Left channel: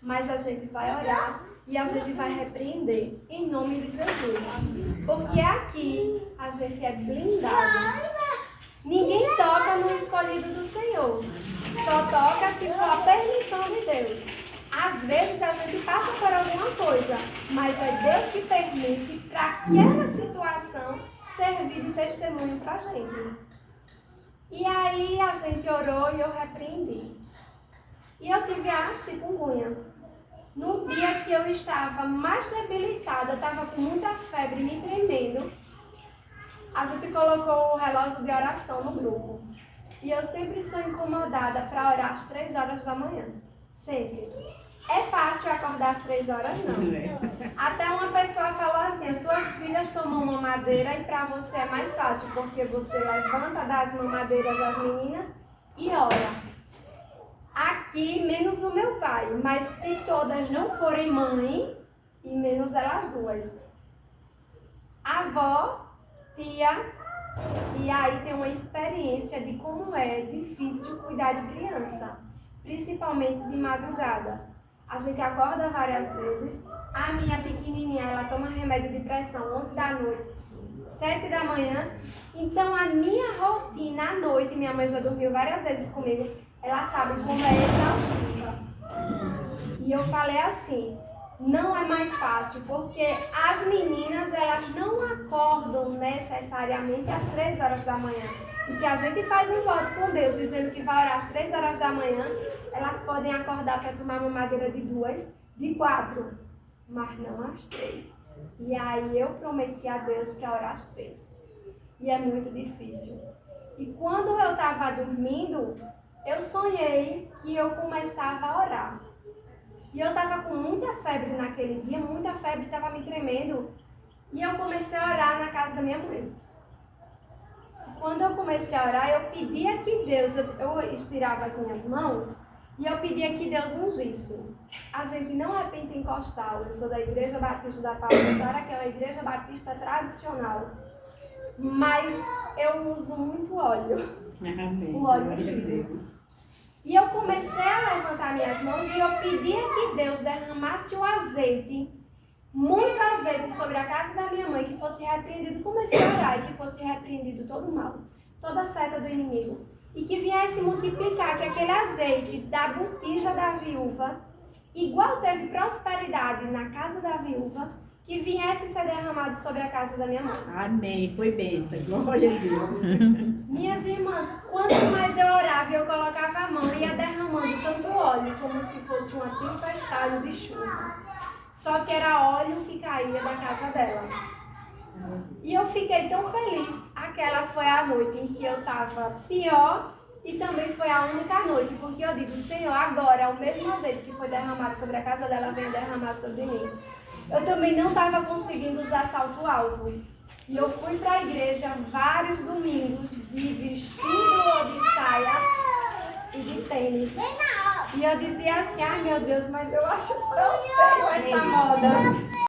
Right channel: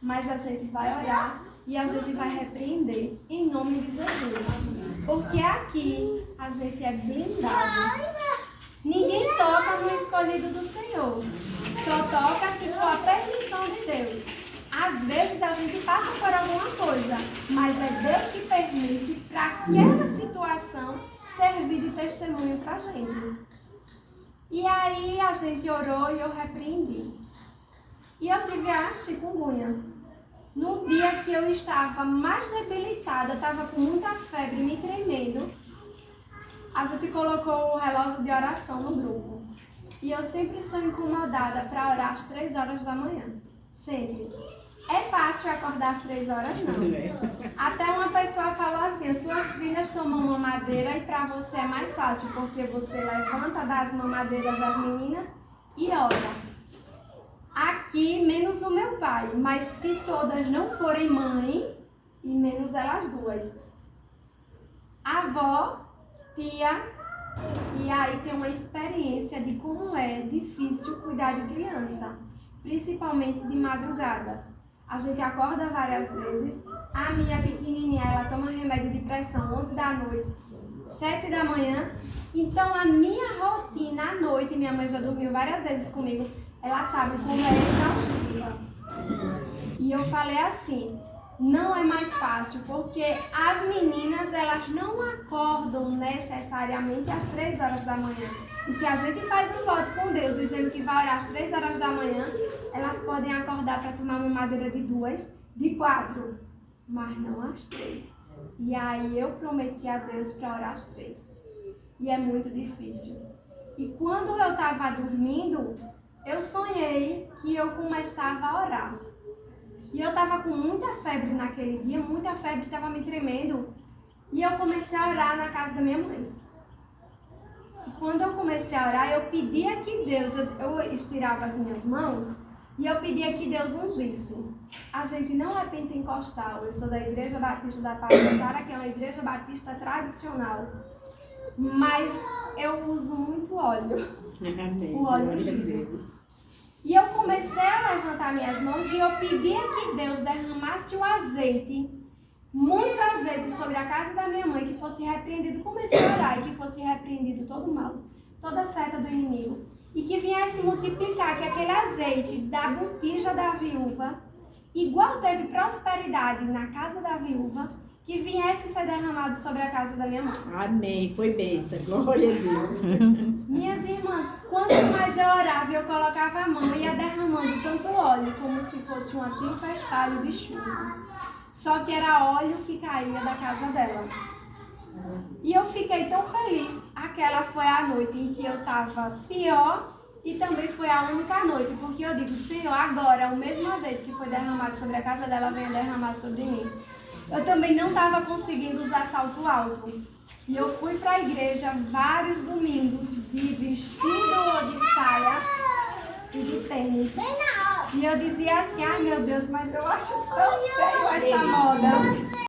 Mas a gente vai orar e a gente vai repreender em nome de Jesus. Porque aqui a gente é blindado. Ninguém toca no escolhido do Senhor. Só toca se for a permissão de Deus. Às vezes a gente passa por alguma coisa, mas é Deus que permite para aquela situação servir de testemunho para a gente. E aí a gente orou e eu repreendi. E eu tive a chikungunya. No dia que eu estava mais debilitada, estava com muita febre, me tremendo, a gente colocou o relógio de oração no grupo. E eu sempre sou incomodada para orar às 3 horas da manhã. Sempre. É fácil acordar às 3 horas? Não. Até uma pessoa falou assim, as suas filhas tomam mamadeira e para você é mais fácil, porque você levanta das mamadeiras as meninas e ora. Aqui, menos o meu pai, mas se todas não forem mãe, e menos elas duas. Avó, tia, e aí tem uma experiência de como é difícil cuidar de criança, principalmente de madrugada. A gente acorda várias vezes, a minha pequenininha, ela toma remédio de pressão 11 da noite, 7 da manhã, então a minha rotina à noite, minha mãe já dormiu várias vezes comigo, ela sabe como é exaustiva. E eu falei assim, não é mais fácil, porque as meninas, elas não acordam necessariamente às 3 horas da manhã. E se a gente faz um voto com Deus, dizendo que vai orar às 3 horas da manhã, elas podem acordar para tomar mamadeira de 2, de 4, mas não às 3. E aí eu prometi a Deus para orar às 3. E é muito difícil. E quando eu estava dormindo, eu sonhei que eu começava a orar. E eu estava com muita febre naquele dia, muita febre, estava me tremendo. E eu comecei a orar na casa da minha mãe. E quando eu comecei a orar, eu pedia que Deus, eu estirava as minhas mãos e eu pedia que Deus ungisse. A gente não é pentecostal, eu sou da Igreja Batista da Paulistara, que é uma igreja batista tradicional. Mas eu uso muito óleo. Amém. O óleo de Deus. E eu comecei a levantar minhas mãos e eu pedia que Deus derramasse o azeite, muito azeite sobre a casa da minha mãe, que fosse repreendido, comecei a orar, e que fosse repreendido todo o mal, toda a seta do inimigo. E que viesse multiplicar, que aquele azeite da botija da viúva, igual teve prosperidade na casa da viúva, que viesse ser derramado sobre a casa da minha mãe. Amém. Foi bênção. Glória a Deus. Minhas irmãs, quanto mais eu orava, eu colocava a mão e ia derramando tanto óleo, como se fosse uma tempestade de chuva. Só que era óleo que caía da casa dela. E eu fiquei tão feliz. Aquela foi a noite em que eu estava pior e também foi a única noite, porque eu digo, Senhor, agora o mesmo azeite que foi derramado sobre a casa dela venha derramar sobre mim. Eu também não estava conseguindo usar salto alto. E eu fui para a igreja vários domingos de vestido ou de saia e de tênis. E eu dizia assim, ai meu Deus, mas eu acho tão feio essa moda.